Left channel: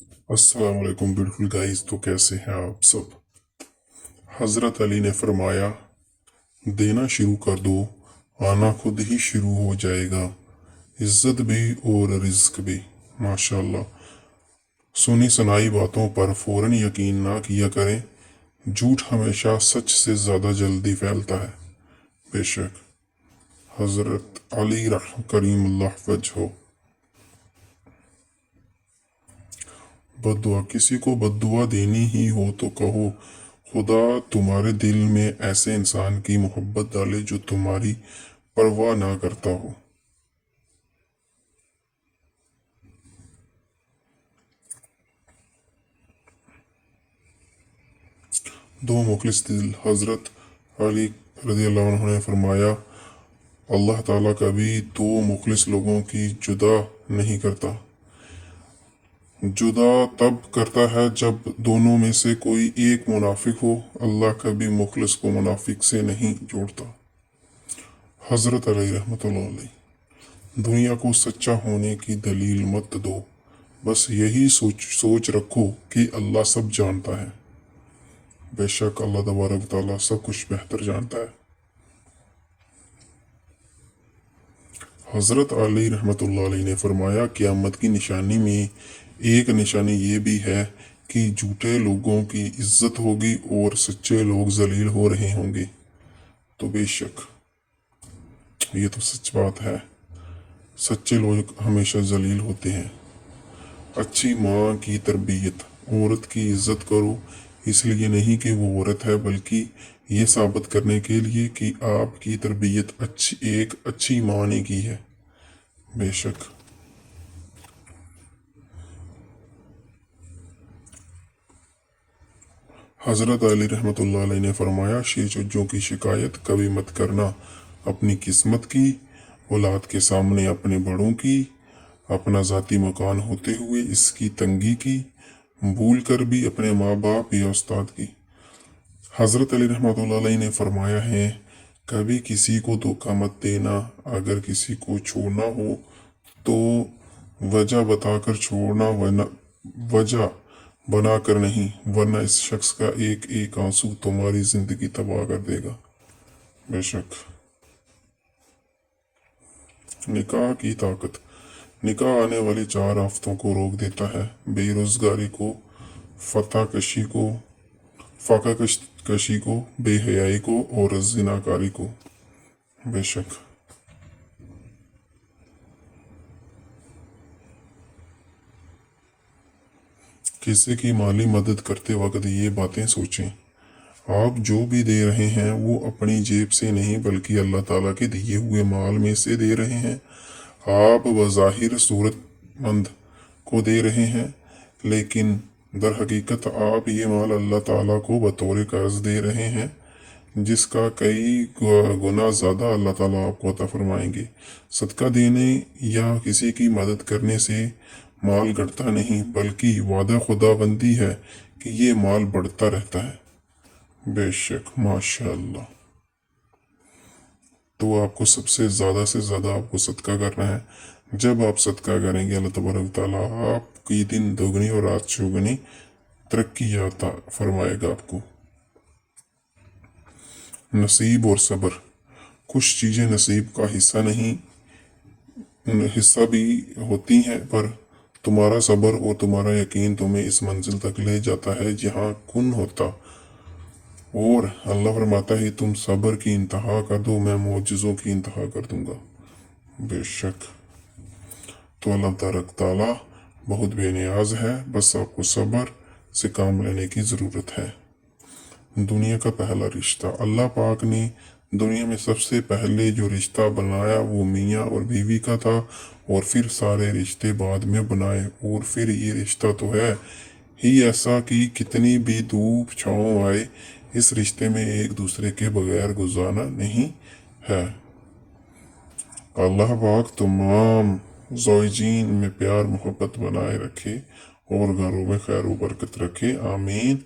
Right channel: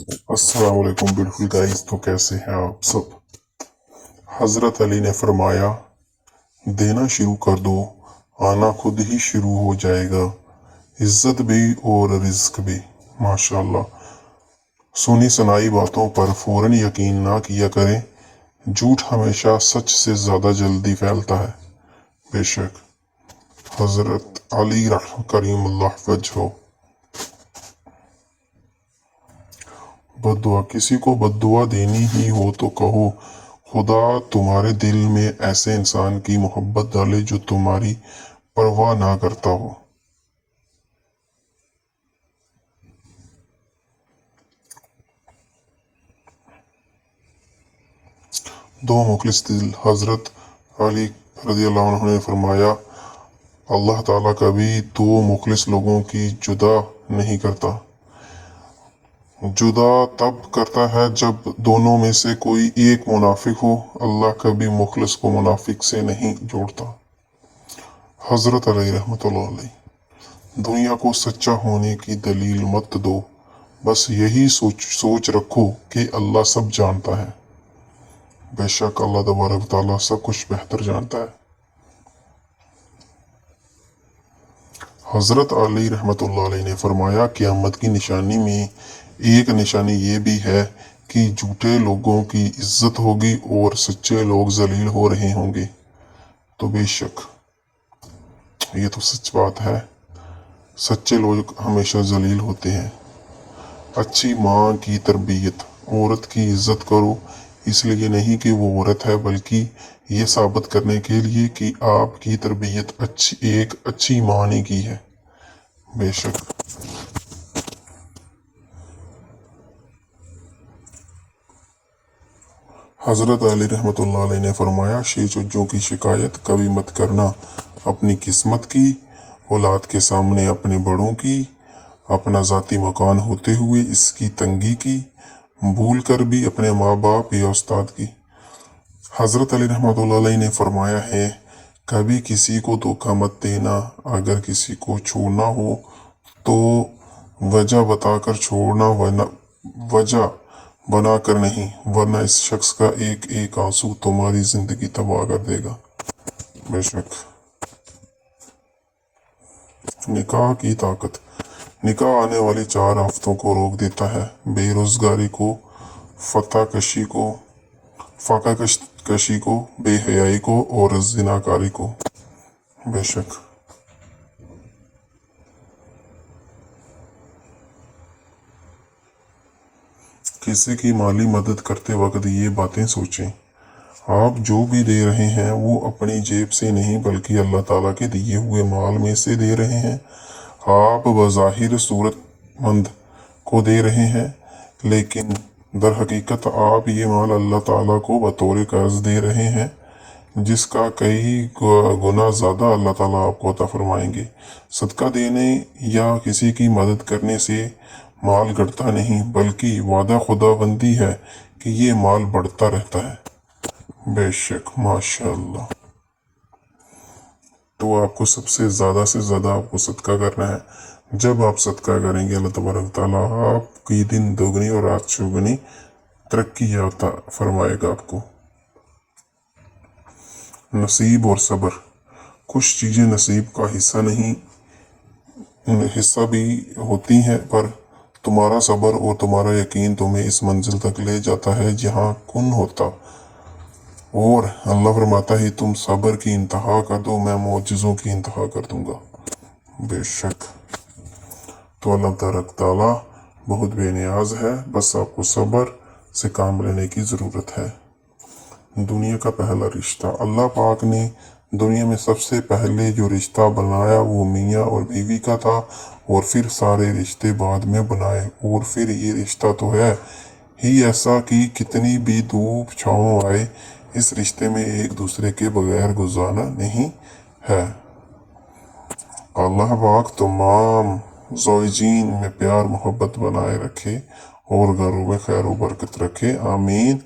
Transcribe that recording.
अस्सलाम वालेकुम beautiful guys. तो कैसे हैं आप सब। हजरत अली ने फरमाया, देना शुरू कर दो, आना खुद ही शुरू हो जाएगा, इज्जत भी और रिज्क भी। माशाल्लाह। सुनी सुनाई बातों पर फौरन यकीन ना किया करें, झूठ हमेशा सच से ज्यादा जल्दी फैलता है। बेशक हजरत अली करीम अल्लाह वजहो। बद्दुआ, किसी को बद्दुआ देनी ही हो तो कहो, खुदा तुम्हारे दिल में ऐसे इंसान की मोहब्बत डाले जो तुम्हारी परवाह ना करता हो। दो मुखलिस दिल। हजरत अली रज़ी अल्लाह अन्हु ने फरमाया, अल्लाह ताला कभी दो मुखलिस लोगों की जुदा नहीं करता। जुदा तब करता है जब दोनों में से कोई एक मुनाफिक हो। अल्लाह कभी मुखलिस को मुनाफिक से नहीं जोड़ता। हजरत अली रहमतुल्लाह अलैह। दुनिया को सच्चा होने की दलील मत दो, बस यही सोच रखो कि अल्लाह सब जानता है। बेशक अल्लाह तबारक ताला सब कुछ बेहतर जानता है। हजरत अली रहमतुल्लाह अलैह ने फरमाया, क़यामत की निशानी में एक निशानी ये भी है कि झूठे लोगों की इज्जत होगी और सच्चे लोग जलील हो रहे होंगे। तो बेशक ये तो सच बात है, सच्चे लोग हमेशा जलील होते हैं। अच्छी माँ की तरबियत। औरत की इज्जत करो, इसलिए नहीं कि वो औरत है, बल्कि ये साबित करने के लिए कि आपकी तरबियत एक अच्छी माँ ने की है। बेशक हजरत अली रहमतुल्लाह अलैह ने फरमाया, शेर की शिकायत कभी मत करना, अपनी किस्मत की, औलाद के सामने अपने बड़ों की, अपना जाती मकान होते हुए इसकी तंगी की, भूल कर भी अपने माँ बाप या उस्ताद की। हजरत अली रहमतुल्लाह अलैह ने फरमाया है, कभी किसी को धोखा मत देना। अगर किसी को छोड़ना हो तो वजह बताकर छोड़ना, वरना वजह बनाकर नहीं, वरना इस शख्स का एक एक आंसू तुम्हारी जिंदगी तबाह कर देगा। बेशक निकाह की ताकत। निकाह आने वाली 4 आफतों को रोक देता है, बेरोजगारी को, फतह कशी को, फाका कशी को, बेहयाई को और जिनाकारी को। बेशक किसी की माली मदद करते वक्त ये बातें सोचें, आप जो भी दे रहे हैं वो अपनी जेब से नहीं बल्कि अल्लाह ताला के दिए हुए माल में से दे रहे हैं। आप बज़ाहिर सूरतमंद को दे रहे हैं, लेकिन दर हकीकत आप ये माल अल्लाह ताला को बतौर कर्ज दे रहे हैं, जिसका कई गुना ज़्यादा अल्लाह ताला आपको अता फरमाएंगे। सदका देने या किसी की मदद करने से माल घटता नहीं, बल्कि वादा खुदाबंदी है कि ये माल बढ़ता रहता है। बेशक माशाअल्लाह। तो आपको सबसे ज़्यादा से ज़्यादा आपको सदका करना है। जब आप सदका करेंगे, अल्लाह तबारक ताला आपकी दिन दोगुनी और रात चौगुनी तरक्की अता फरमाएगा आपको। नसीब और सब्र। कुछ चीज़ें नसीब का हिस्सा नहीं, हिस्सा भी होती हैं, पर तुम्हारा सब्र और तुम्हारा यकीन तुम्हें इस मंजिल तक ले जाता है जहाँ कुन होता। और अल्लाह फरमाता है, तुम सब्र की इंतहा कर दो, मैं मोजज़ों की इंतहा कर दूंगा। बेशक तो अल्लाह तबारक ताला बहुत बेनियाज है, बस आपको सब्र से काम लेने की ज़रूरत है। दुनिया का पहला रिश्ता। अल्लाह पाक ने दुनिया में सबसे पहले जो रिश्ता बनाया वो मियाँ और बीवी का था, और फिर सारे रिश्ते बाद में बनाए। और फिर ये रिश्ता तो है ही ऐसा कि कितनी भी धूप छाँव आए, इस रिश्ते में एक दूसरे के बगैर गुजारा नहीं है। अल्लाह पाक तमाम ज़ौजीन में प्यार मोहब्बत बनाए रखे और घरों में खैर बरकत रखे। आमीन।